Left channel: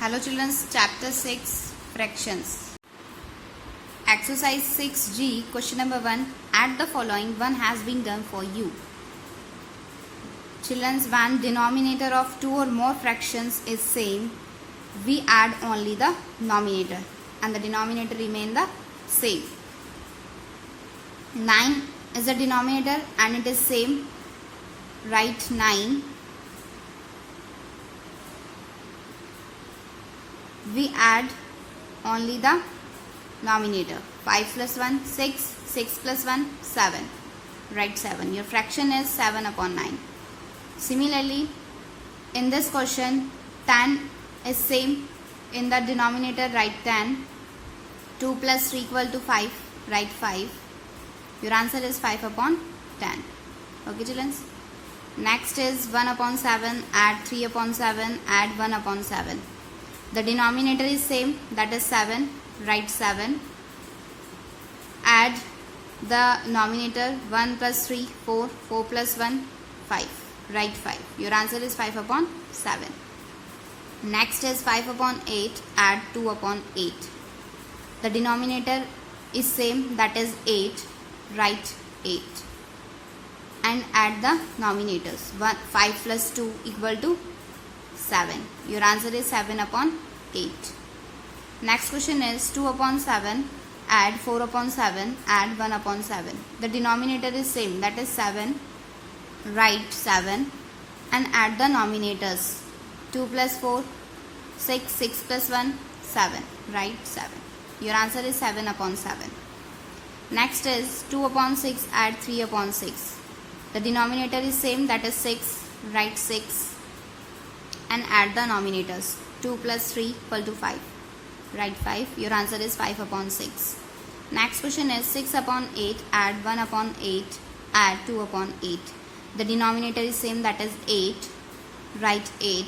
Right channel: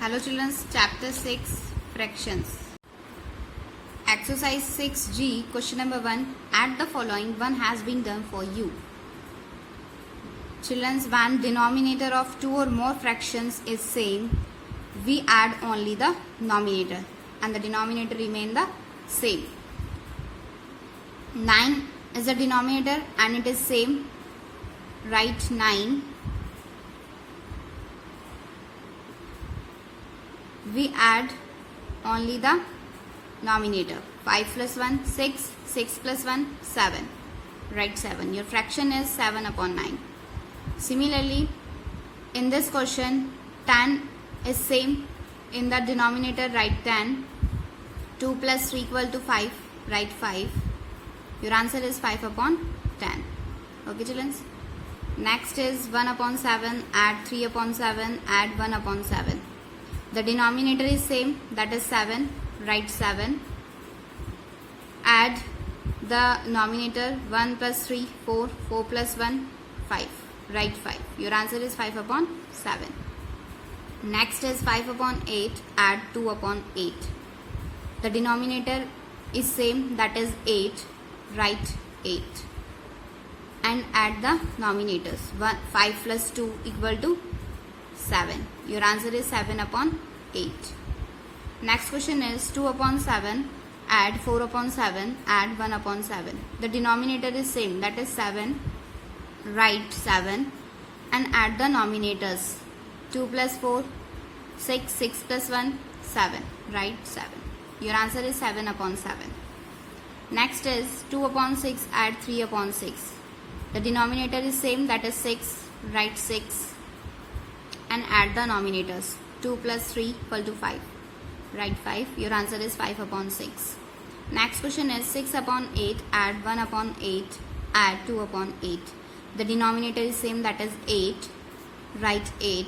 Hello children, chapter 6 fractions. Exercise 6G, question number 1. Add the following, one has been done for you. Children, when denominator of two or more fractions is same, we add only the numerator and the denominator remain the same. 9 is the denominator and it is same. Write 9. We add only the numerator. 5 plus 1, 6. 6 plus 1, 7. Write 7. Your fraction is 7 upon 9. Similarly, in this question, 10 is same. In the denominator, write 10. 2 plus 3 equal to 5. Write 5. Your answer is 5 upon 10. Okay, children? Next is 1 upon 7. Add 3 upon 7. Add 1 upon 7. The denominator is same, that is 7. Write 7. Add the numerator 1 plus 3, 4. 4 plus 1, 5. Write 5. Your answer is 5 upon 7. Next is 5 upon 8. Add 2 upon 8. The denominator is same, that is 8. Write 8. And add the numerators. 5 plus 2 equal to 7. Your answer is 7 upon 8. Next question is 2 upon 7. Add 4 upon 7. Add 1 upon 7. The denominator is same, that is 7. Write 7. And add the numerators. 2 plus 4, 6. 6 plus 1, 7. Write 7. Your answer is 7 upon 7. Next is 2 upon 6. Add 3 upon 6. The denominator is same, that is 6. Write 6. And add the numerators. 2 plus 3 equal to 5. Write 5. Your answer is 5 upon 6. Next question is 6 upon 8. Add 1 upon 8. Add 2 upon 8. The denominator is same, that is 8. Write 8.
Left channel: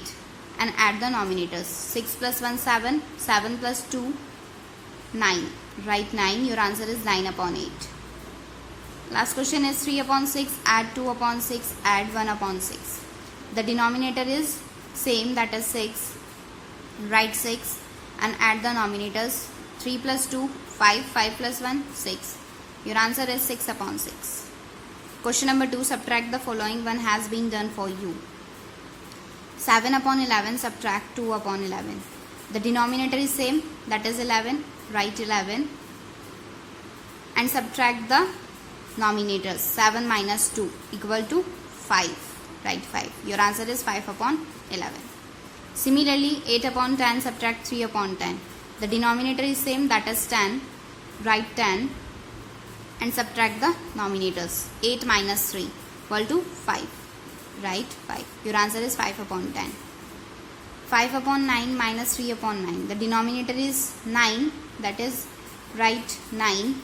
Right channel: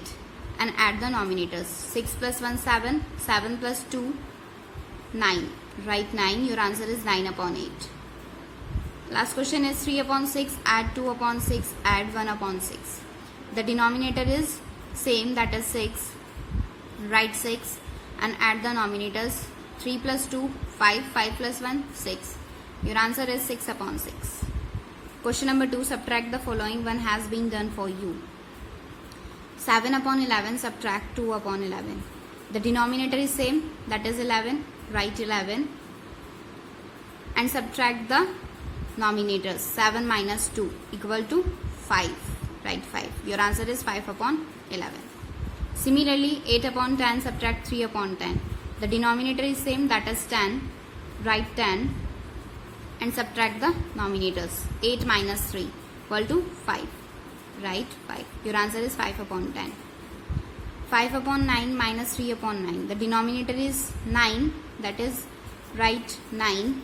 And add the numerators. 6 plus 1, 7. 7 plus 2, 9. Write 9. Your answer is 9 upon 8. Last question is 3 upon 6. Add 2 upon 6. Add 1 upon 6. The denominator is same, that is 6. Write 6 and add the numerators. 3 plus 2, 5. 5 plus 1, 6. Your answer is 6 upon 6. Question number 2. Subtract the following, one has been done for you. 7 upon 11. Subtract 2 upon 11. The denominator is same, that is 11. Write 11 and subtract the numerators. 7 minus 2 equal to 5. Write 5. Your answer is 5 upon 11. Similarly, 8 upon 10. Subtract 3 upon 10. The denominator is same, that is 10. Write 10 and subtract the numerators. 8 minus 3 equal to 5. Write 5. Your answer is 5 upon 10. 5 upon 9 minus 3 upon 9. The denominator is 9, that is write 9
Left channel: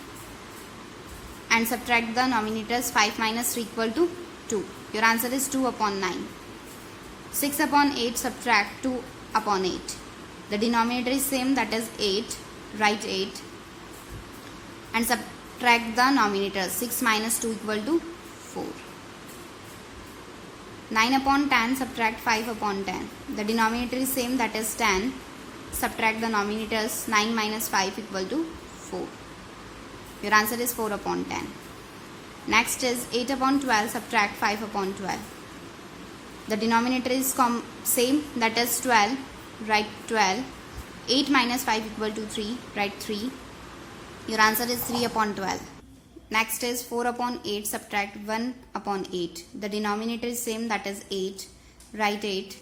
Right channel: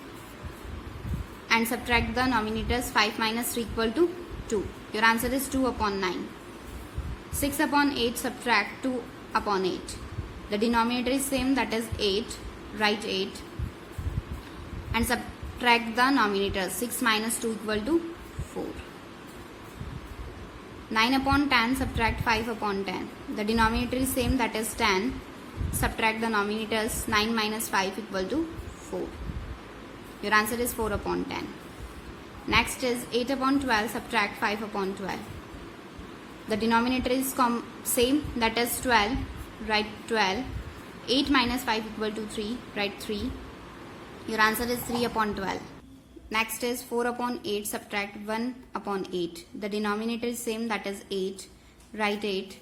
and subtract the numerators. 5 minus 3 equal to 2. Your answer is 2 upon 9. 6 upon 8. Subtract 2 upon 8. The denominator is same, that is 8. Write 8 and subtract the numerators. 6 minus 2 equal to 4. 9 upon 10. Subtract 5 upon 10. The denominator is same, that is 10. Subtract the numerators. 9 minus 5 equal to 4. Your answer is 4 upon 10. Next is 8 upon 12. Subtract 5 upon 12. The denominator is same, that is 12. Write 12. 8 minus 5 equal to 3. Write 3. Your answer is 3 upon 12. Next is 4 upon 8. Subtract 1 upon 8. The denominator is same, that is 8. Write 8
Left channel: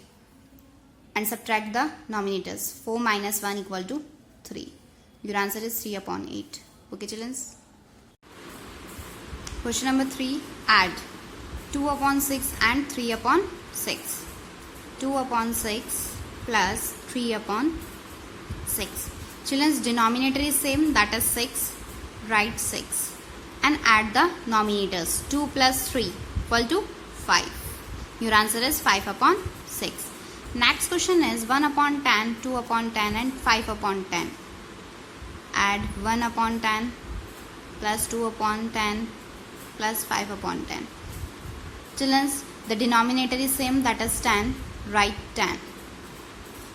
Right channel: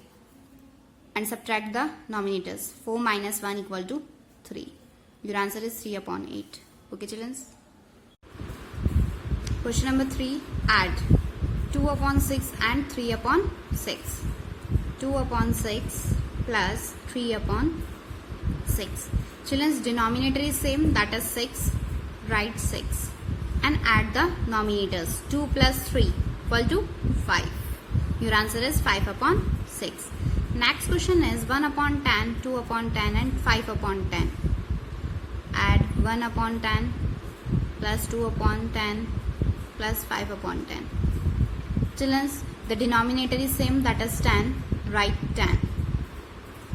and subtract the numerators. 4 minus 1 equal to 3. Your answer is 3 upon 8. Okay, children? Question number 3. Add 2 upon 6 and 3 upon 6. 2 upon 6 plus 3 upon 6. Children's denominator is same, that is 6. Write 6 and add the numerators. 2 plus 3 equal to 5. Your answer is 5 upon 6. Next question is 1 upon 10, 2 upon 10 and 5 upon 10. Add 1 upon 10 plus 2 upon 10 plus 5 upon 10. Children, the denominator is same, that is 10. Write 10.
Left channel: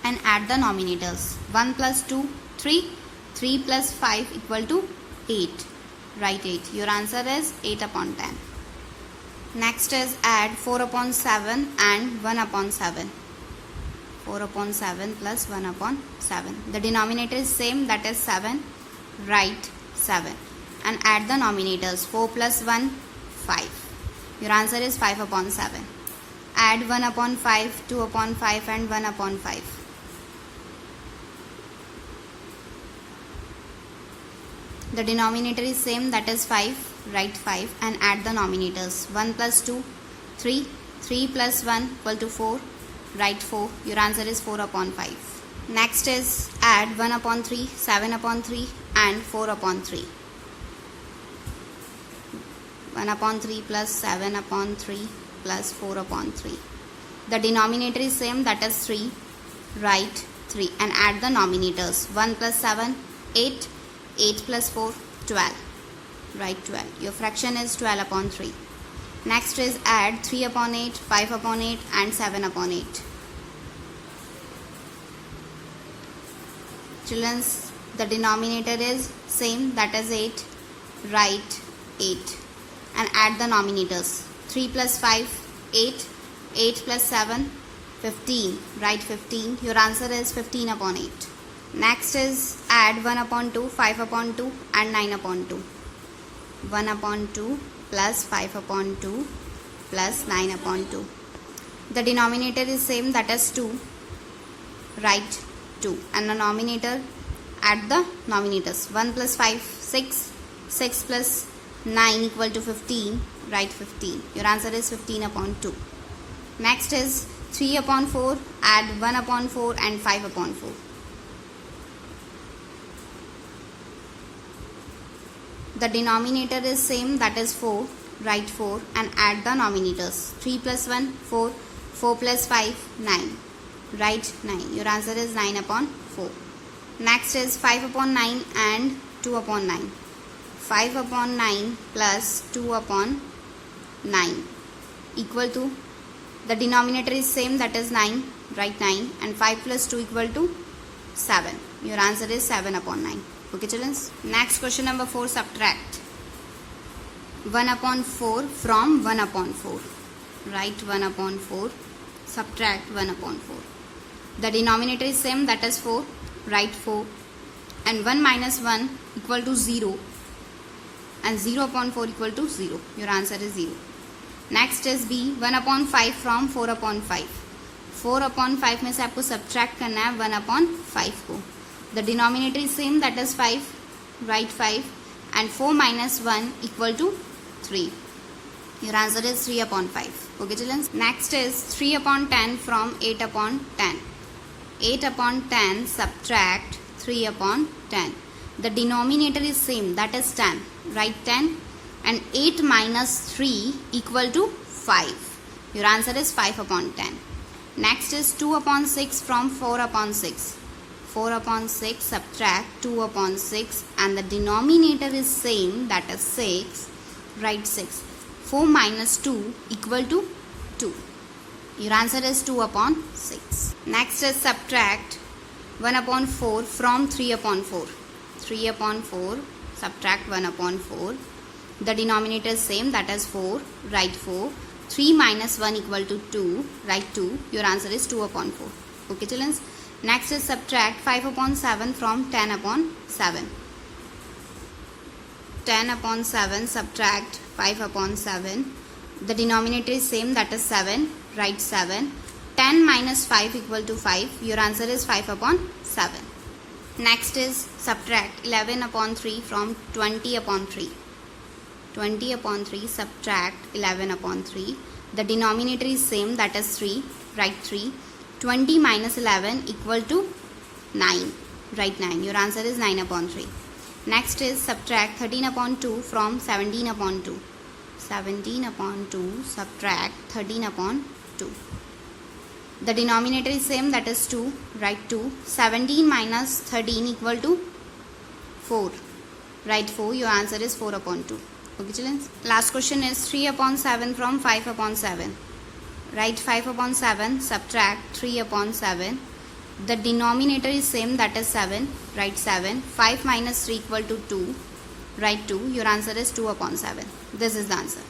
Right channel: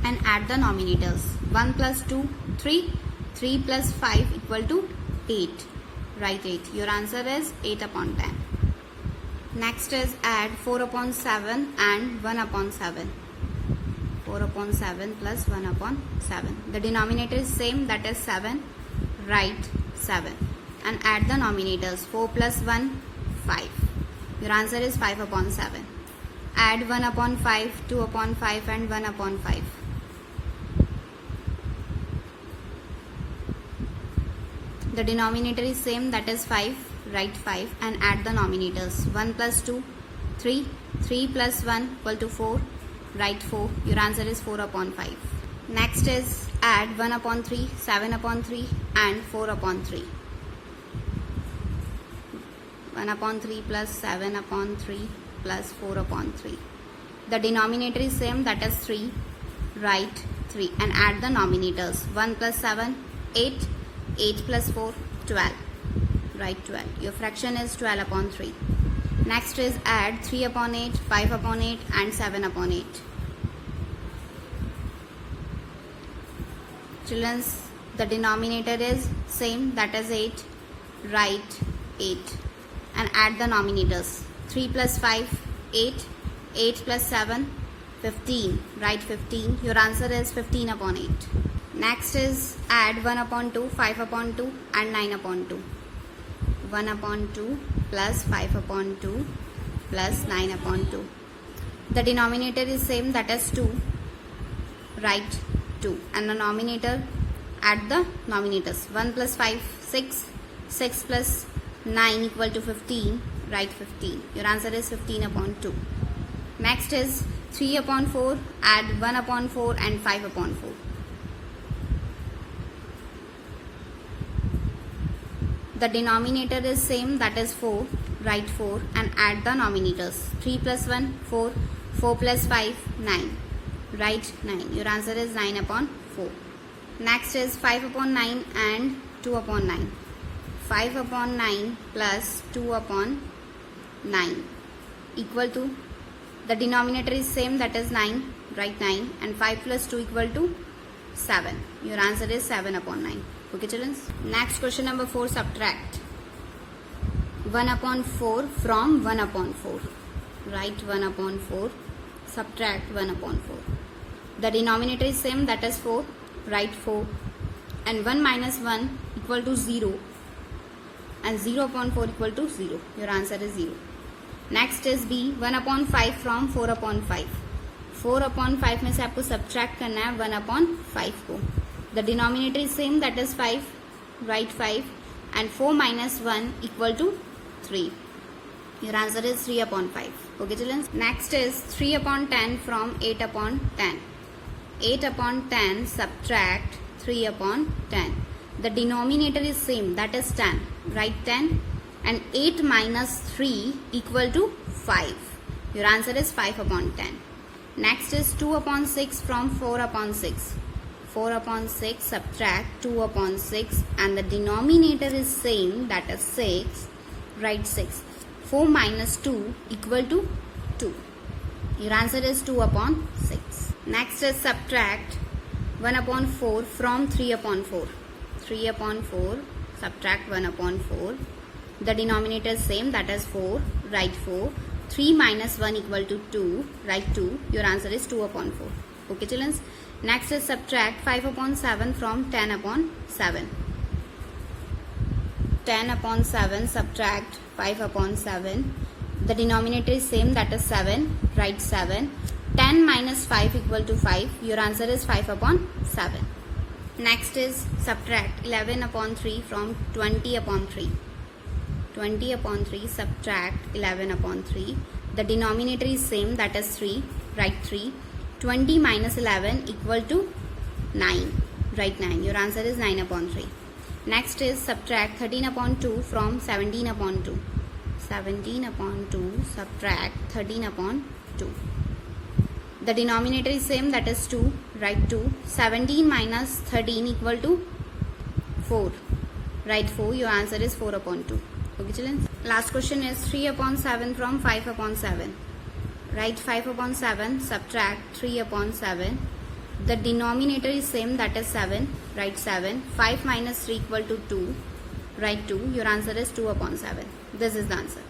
and add the nominators. 1 plus 2, 3. 3 plus 5 equal to 8. Write 8. Your answer is 8 upon 10. Next is add 4 upon 7 and 1 upon 7. 4 upon 7 plus 1 upon 7. The denominator is same, that is 7. Write 7. And add the nominators. 4 plus 1, 5. Your answer is 5 upon 7. Add 1 upon 5, 2 upon 5 and 1 upon 5. The denominator is same, that is 5. Write 5 and add the nominators. 1 plus 2, 3. 3 plus 1 equal to 4. Write 4. Your answer is 4 upon 5. Next is add 1 upon 3, 7 upon 3 and 4 upon 3. 1 upon 3 plus 7 upon 3 plus 4 upon 3. The denominator is same, that is 3. Write 3 and add the nominators. 1 plus 7, 8. 8 plus 4, 12. Write 12. Your fraction is 12 upon 3. Next is add 3 upon 8, 5 upon 8 and 7 upon 8. Children, the denominator is same, that is 8. Write 8 and add the nominators. 3 plus 5, 8. 8 plus 7, 15. Write 15. Your answer is 15 upon 8. Next is add 1 upon 2, 5 upon 2 and 9 upon 2. 1 upon 2 plus 5 upon 2 plus 9 upon 2. The denominator is same, that is 2. Write 2. And the nominator, add the nominators. 1 plus 5, 6. 6 plus 9 equal to 15. Write 15. Your answer is 15 upon 2. Next is 3 upon 4. Add 1 upon 4 and 5 upon 4. The denominator is same, that is 4. Write 4 and add the nominators. 3 plus 1, 4. 4 plus 5, 9. Write 9. Your answer is 9 upon 4. Next is 5 upon 9 and 2 upon 9. 5 upon 9 plus 2 upon 9 equal to, the denominator is same, that is 9. Write 9 and 5 plus 2 equal to 7. Your answer is 7 upon 9. Okay children. Next question number 4, subtract 1 upon 4 from 1 upon 4. Write 1 upon 4. Subtract 1 upon 4. The denominator is same, that is 4. Write 4. And 1 minus 1 equal to 0. And 0 upon 4 equal to 0. Your answer is 0. Next is B. 1 upon 5 from 4 upon 5. 4 upon 5 में से आपको subtract करना है 1 upon 5 को. The denominator is same, that is 5. Write 5. And 4 minus 1 equal to 3. Your answer is 3 upon 5. Okay children. Next is 3 upon 10 from 8 upon 10. 8 upon 10 subtract 3 upon 10. The denominator is same, that is 10. Write 10. And 8 minus 3 equal to 5. Your answer is 5 upon 10. Next is 2 upon 6 from 4 upon 6. 4 upon 6 subtract 2 upon 6 and the denominator is same, that is 6. Write 6. 4 minus 2 equal to 2. Your answer is 2 upon 6. Next is subtract 1 upon 4 from 3 upon 4. 3 upon 4 subtract 1 upon 4. The denominator is same, that is 4. Write 4. 3 minus 1 equal to 2. Write 2. Your answer is 2 upon 4. Okay children. Next is subtract 5 upon 7 from 10 upon 7. 10 upon 7 subtract 5 upon 7. The denominator is same, that is 7. Write 7. 10 minus 5 equal to 5. Your answer is 5 upon 7. Next is subtract 11 upon 3 from 20 upon 3. 20 upon 3 subtract 11 upon 3. The denominator is same, that is 3. Write 3. 20 minus 11 equal to 9. Write 9. Your answer is 9 upon 3. Next is subtract 13 upon 2 from 17 upon 2. 17 upon 2 subtract 13 upon 2. The denominator is same, that is 2. Write 2. 17 minus 13 equal to 4. Write 4. Your answer is 4 upon 2. Okay children. Last question is 3 upon 7 from 5 upon 7. Write 5 upon 7 subtract 3 upon 7 The denominator is same, that is 7. Write 7. 5 minus 3 equal to 2. Write 2. Your answer is 2 upon 7. This is the answer.